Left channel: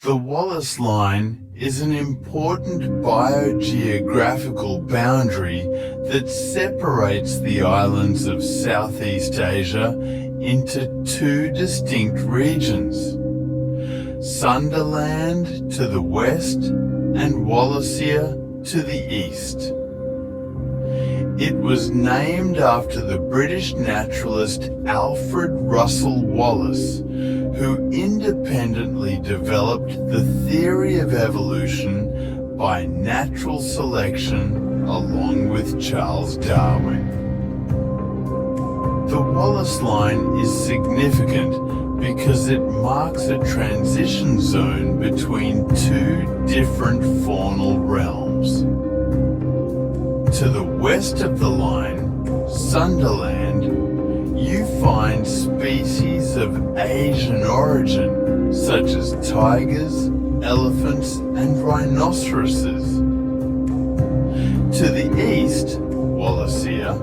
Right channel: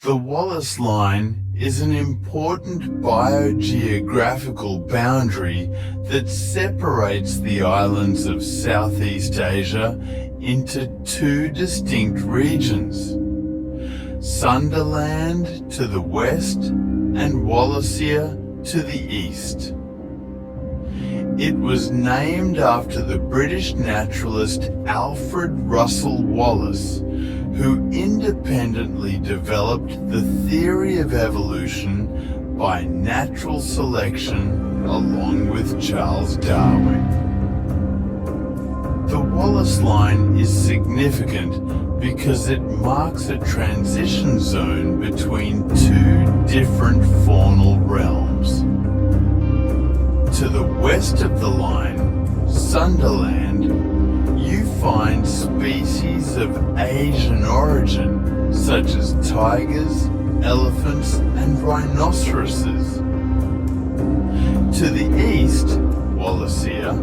The Wallace Line is an important biogeographical boundary that separates the islands of Southeast Asia into two distinct regions: Sunderland to the west and Wallacea to the east. It was named after the British naturalist Alfred Russel Wallace, who independently developed the theory of evolution by natural selection along with Charles Darwin. The Wallace Line is significant because it marks a transition zone between two different faunal realms. To the west of the line, Sunderland, you find species of Asian origin, such as tigers, elephants, and rhinoceroses. To the east, Wallacea,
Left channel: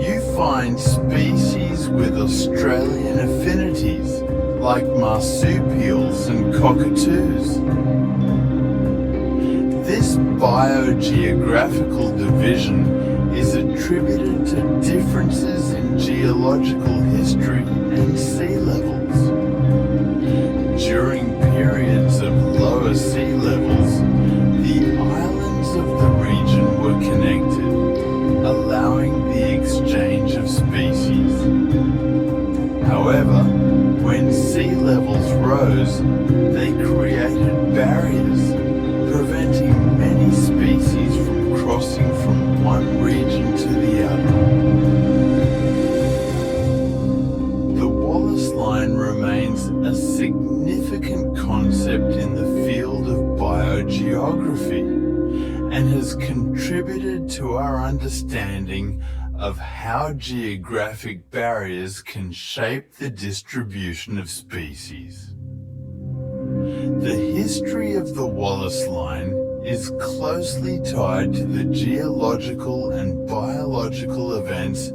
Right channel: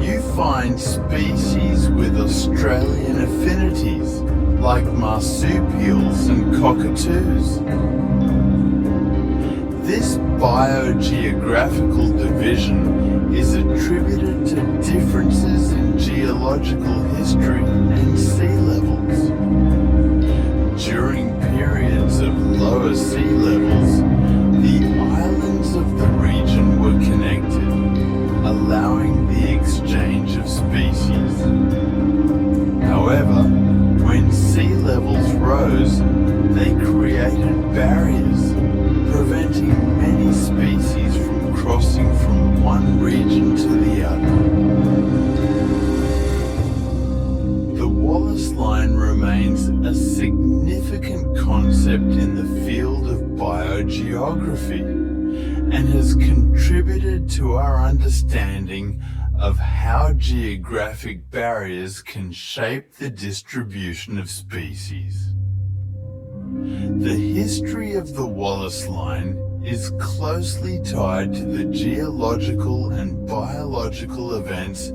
you find species with Australian affinities, like marsupials and cockatoos. This biogeographical division is attributed to differences in geological history and sea levels. During periods of lower sea levels, the islands of the region were connected, allowing the exchange of species. However, when sea levels rose, they created barriers, preventing many species from crossing from one region to the other. The Wallace Line remains a significant concept in the field of biogeography and has contributed to our understanding of how geographic barriers can shape the distribution of species. The history of the Wallace Line is closely tied to the geological and biological events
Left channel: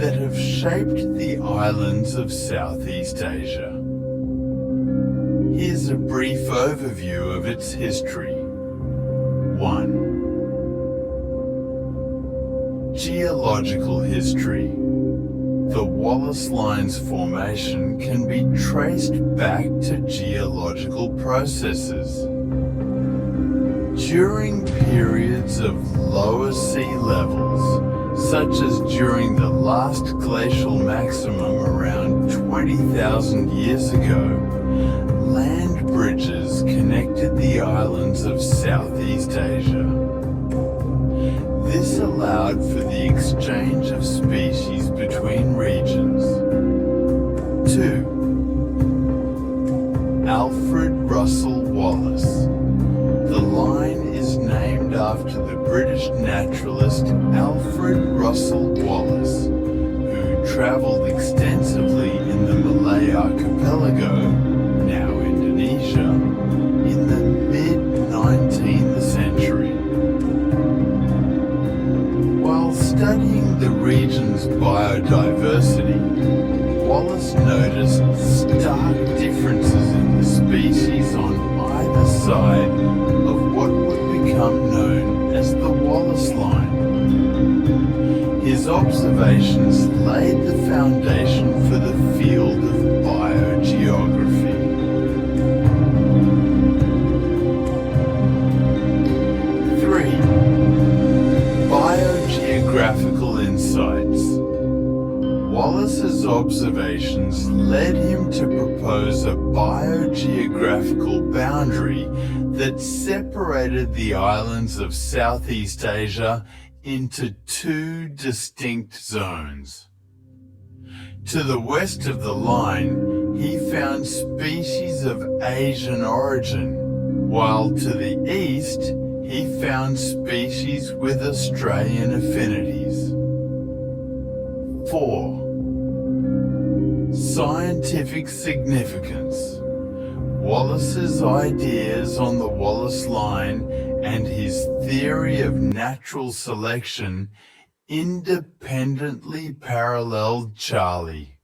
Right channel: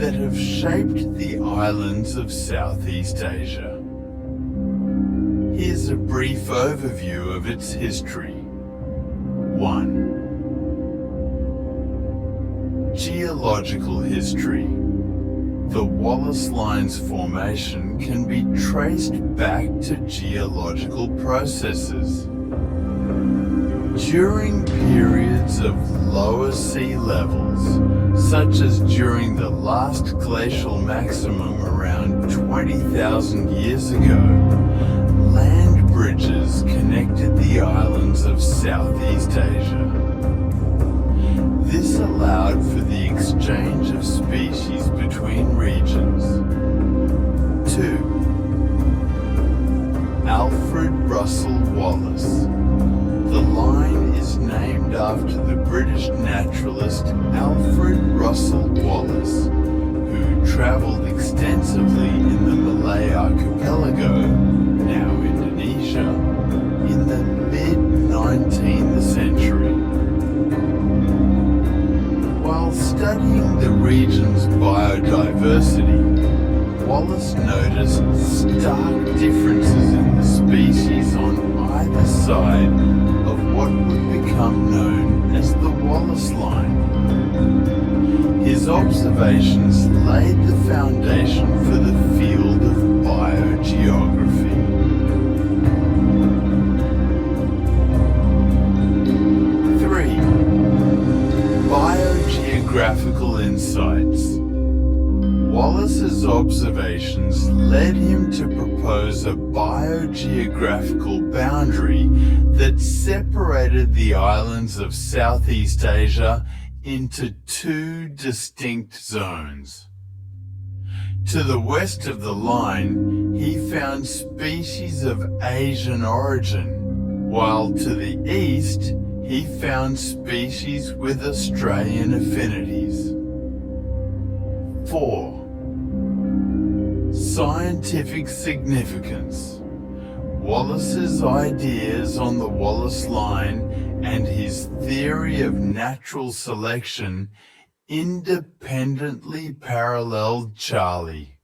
that have shaped the islands of Southeast Asia. Here's a brief overview of its history. 1. Geological history. The Wallace Line's formation can be traced back to geological processes. During periods of lower sea levels, such as during the last glacial maximum around 20,000 years ago, land bridges connected the islands of Southeast Asia. This allowed for the exchange of species between regions. 2. Alfred Russel Wallace. The line is named after the British naturalist Alfred Russel Wallace, who travelled extensively in the Malay archipelago, now Indonesia, in the mid-19th century. While studying the region's biodiversity, Wallace noticed stark differences in the species on either side of what would become known as the Wallace Line. His observations laid the foundation for the field of biogeography. 3. Biogeographical insights. Wallace's observations led him to propose a biogeographical boundary that separated the islands of Southeast Asia into two distinct zones. To the west of the line, he found species of Asian origin, while to the east, he found species with Australian affinities. 4. Scientific significance. Wallace's ideas on the Wallace Line and his theory of natural selection independently paralleled Charlie.